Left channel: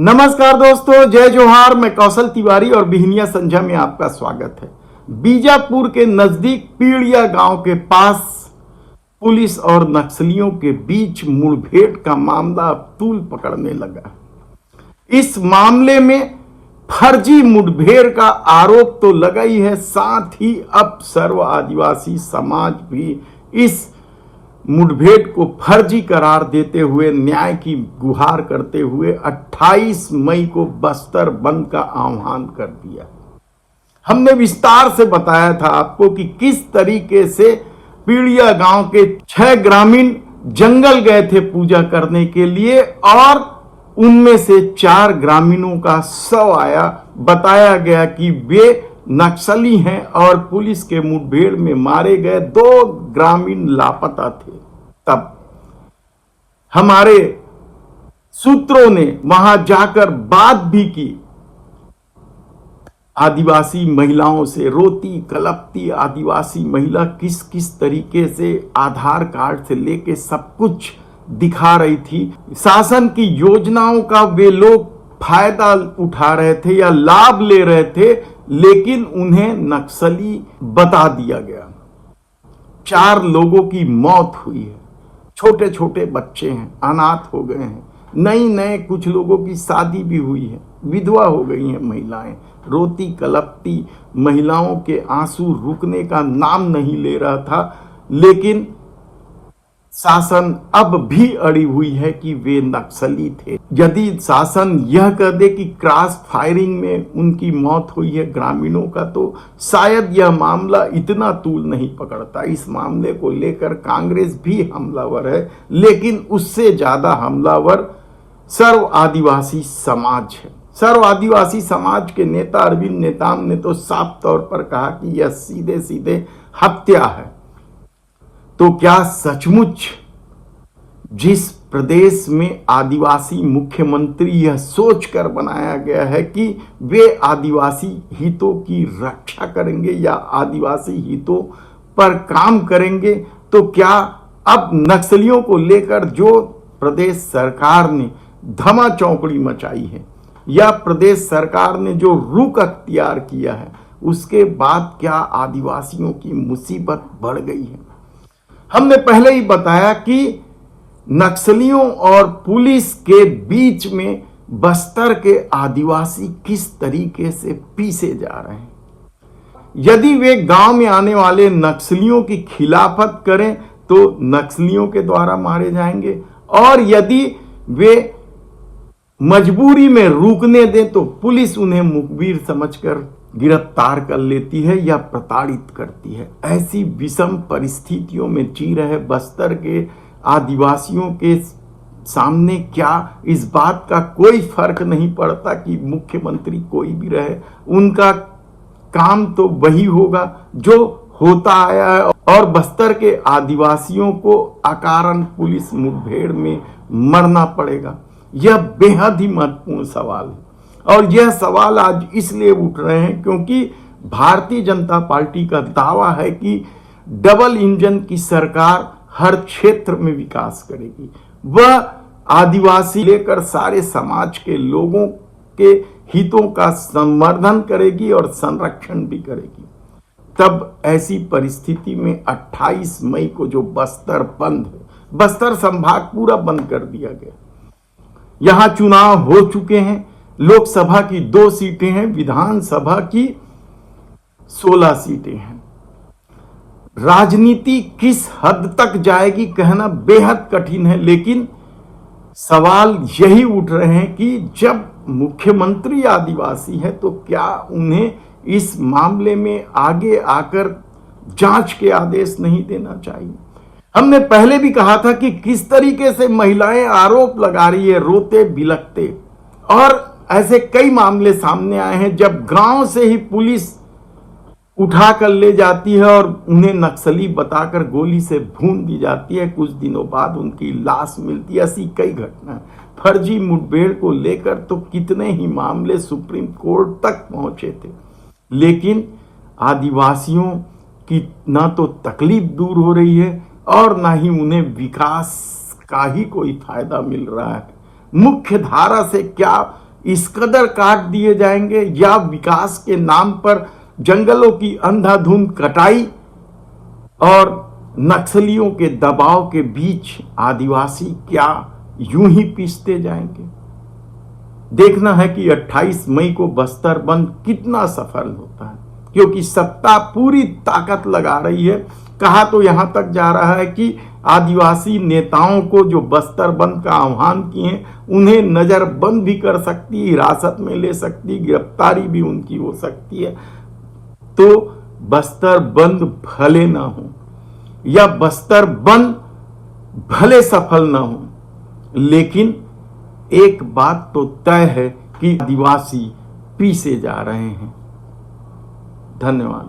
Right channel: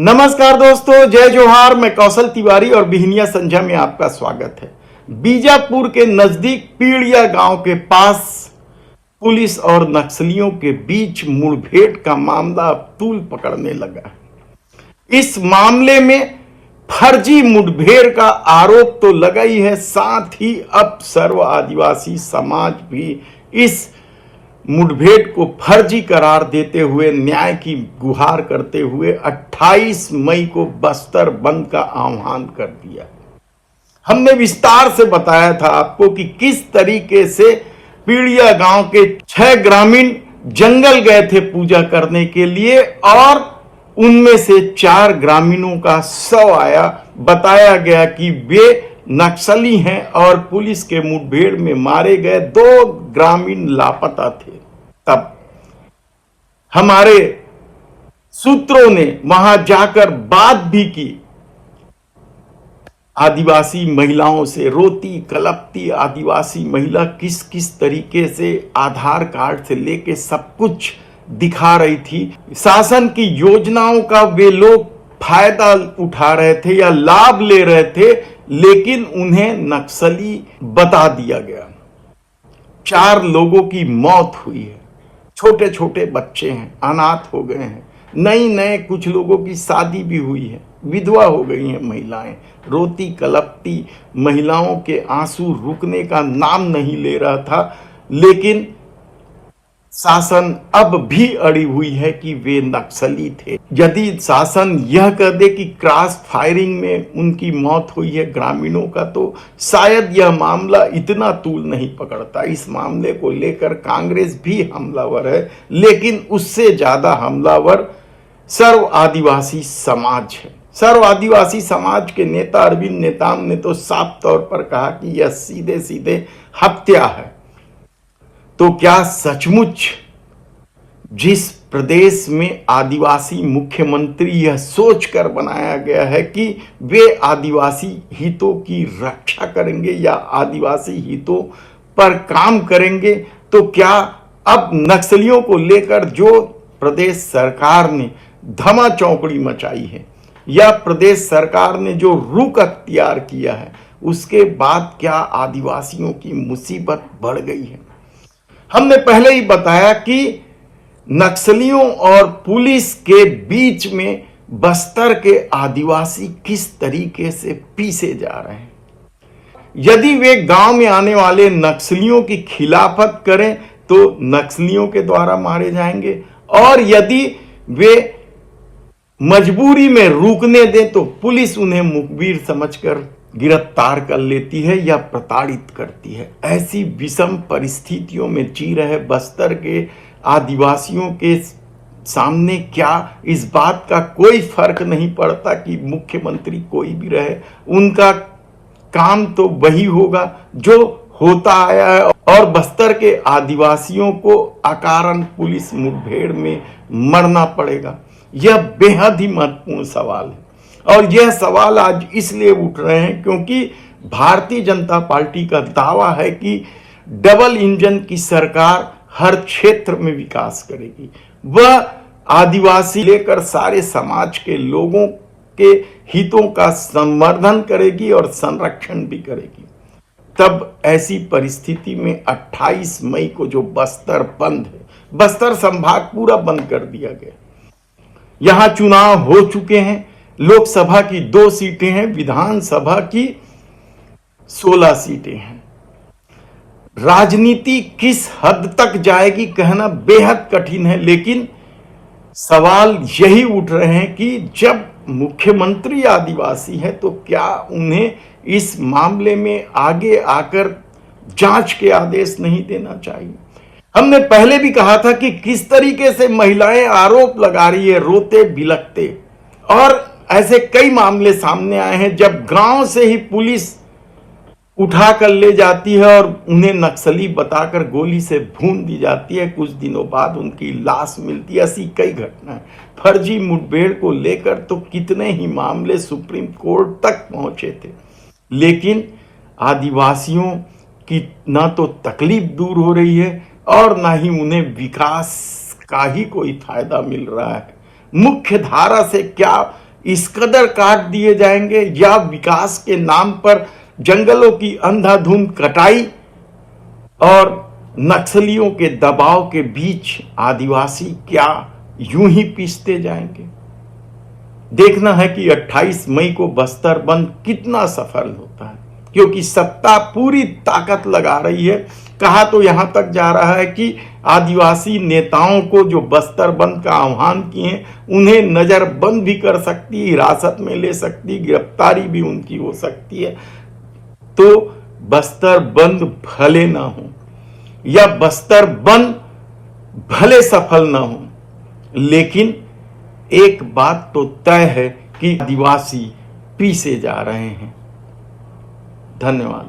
नमस्कार दोस्तों, जय जोहार। मैं कौशल तिवारी और बिहनिया संझा में आपका स्वागत है। बीजापुर के नजदीक पीड़िया गांव के पास पुलिस और नक्सलियों के बीच मुठभेड़ का मामला अब तूल पकड़ने लगा। इस मामले में फर्जी मुठभेड़ का आरोप तो लगा ही है, साथ ही अब सर्व आदिवासी समाज भी इस मुठभेड़ को फर्जी करार देते हुए न्याय की गुहार करते हुए 28 मई को बस्तर बंद का आह्वान कर दिया। हमने विस्तार से बताया था आपको कि किस तरीके से पीड़िया गांव के 6 ग्रामीण जंगल गए थे पूजा करने के लिए और उनमें से 4 ग्रामीणों का शव आया। बताया गया कि वे नक्सली हैं और पुलिस के मुठभेड़ में मारे गए 2 ग्रामीण लापता थे। तब हमारे सूत्रों ने वहां जाकर बात भी की, आदिवासी महिलाओं से। रोती कलपती आदिवासी महिला किस किस तरीके से आधार कार्ड से लेके सब कुछ दिखा रही थी। शासन की योजनाओं का वे लोग फायदा उठा रहे थे या लाभ ले रहे थे, लेकिन उन्हें नक्सली बता दिया गया। 4 लोगों की मौत हुई है, छोटे छोटे बच्चे हैं, अनाथ हो गए हैं। नए कुछ लोगों की शादी भी हुई है, विधवा हो गई हैं महिलाएं। रोती कलपती महिलाओं के आंसू रुकने का नाम नहीं ले रहा था, लेकिन शासन अब भी अड़ी हुई है कि वे नक्सली थे। यदि शासन यह कह दे कि क्रॉस फायरिंग में उनकी मौत हुई है ग्रामीणों का, तो शायद यह मामला इतना तूल नहीं पकड़ता। इस मामले को लेकर कांग्रेस भी हमलावर है, लेकिन उससे ज्यादा हमलावर सर्व आदिवासी समाज है। सर्व आदिवासी समाज के नेता अरविंद नेताम ने तो साफ तौर पर कहा कि यह सीधे सीधे हत्या है। तो क्या सचमुच जिस प्रदेश में आदिवासी मुख्यमंत्री यह सोचकर बनाया गया है कि वे आदिवासी हितों की रक्षा करेंगे या आदिवासी हितों पर काम करेंगे, तो क्या अब नक्सलियों को लेकर जो प्रदेश सरकार ने धमा चौकड़ी मचाई है या प्रदेश सरकार ने जो रुख अख्तियार किया है, उसके बाद क्या आदिवासियों की मुसीबत बढ़ गई है? हमने पहले ही बताया कि नक्सलियों और पुलिस के बीच में बस्तर के आदिवासी किस तरीके से पीसे जा रहे हैं। यदि वे गांव में आने वाले नक्सलियों की खिलाफत करें तो नक्सलियों के द्वारा मारे जाएंगे, और यदि वे मजबूरी में रुकने दें तो पुलिस उन्हें मुखबिर समझकर गिरफ्तार कर लेती है या प्रताड़ित करती है। ऐसी विषम परिस्थितियों में जी रहे बस्तर के आदिवासियों के सामने क्या इस बात का कोई फर्क नहीं पड़ता कि मुख्यमंत्री कोई भी रहे, उनका काम तो वही होगा जो होता आया है, और बस्तर के आदिवासियों को अकारण पुलिस मुठभेड़ में मरना पड़ेगा। यह बेहद ही महत्वपूर्ण सवाल है, और यह सवाल आज इसलिए उठ रहे हैं क्योंकि भारतीय जनता पार्टी का दावा है कि डबल इंजन की सरकार हर क्षेत्र में विकास करेगी। वह आदिवासी लेकर सारे समाज के लोगों के हितों का संवर्धन करेगी और संरक्षण भी करेगी। तब ऐसी परिस्थिति में 28 मई को जो बस्तर बंद है, बस्तर संभाग पूरा बंद कर दिया गया। यहां चुनाव हो चुके हैं, लोकसभा की 2 सीटें हैं, विधानसभा की 16 सीटें हैं। राजनीति किस हद तक जाएगी कहना बेहद कठिन है, लेकिन सवाल यही उठ रहे हैं कि जब मुख्यमंत्री आदिवासी है तो क्या उन्हें इस मामले में आगे आकर जांच के आदेश नहीं देना चाहिए। हमने पहले भी कहा था कि किस तरीके से महिलाएं आरोप लगा रही है रोते बिलखते, और ऐसे कई मामले सामने आए हैं जब गांव से ही पुलिस उठा कर ले जाती है और उन्हें नक्सली बताकर गोली से भून दी जाती है। कुछ दिनों बाद उनकी लाश मिलती है। ऐसी कई घटना फर्जी मुठभेड़ को लेकर तो कितने ही मामले सुप्रीम कोर्ट तक पहुंचे थे, लेकिन आदिवासियों की ना तो तकलीफ दूर हो रही है और ना ही उन्हें विकास का ही कोई फायदा मिल रहा है। मुख्य धारा से क्या इस कदर काट दिए जाएंगे, या विकास के नाम पर जंगलों की अंधाधुंध कटाई और नक्सलियों के दबाव के बीच आदिवासी क्या यूं ही पीसते जाएंगे। देखना है कि 28 मई को बस्तर बंद कितना सफल होता है, क्योंकि सत्ता पूरी ताकत लगा रही है। कहा तो यहां तक जा रहा है कि आदिवासी नेताओं को जो बस्तर बंद का आह्वान किए उन्हें नजरबंद भी कर सकती, हिरासत में ले सकती, गिरफ्तारी भी उनकी हो सकती है। तो बस्तर बंद भले ना हो या बस्तर बंद भले सफल ना हो, लेकिन एक बात तो तय है कि आदिवासी पीसे जा रहे हैं। धन्यवाद।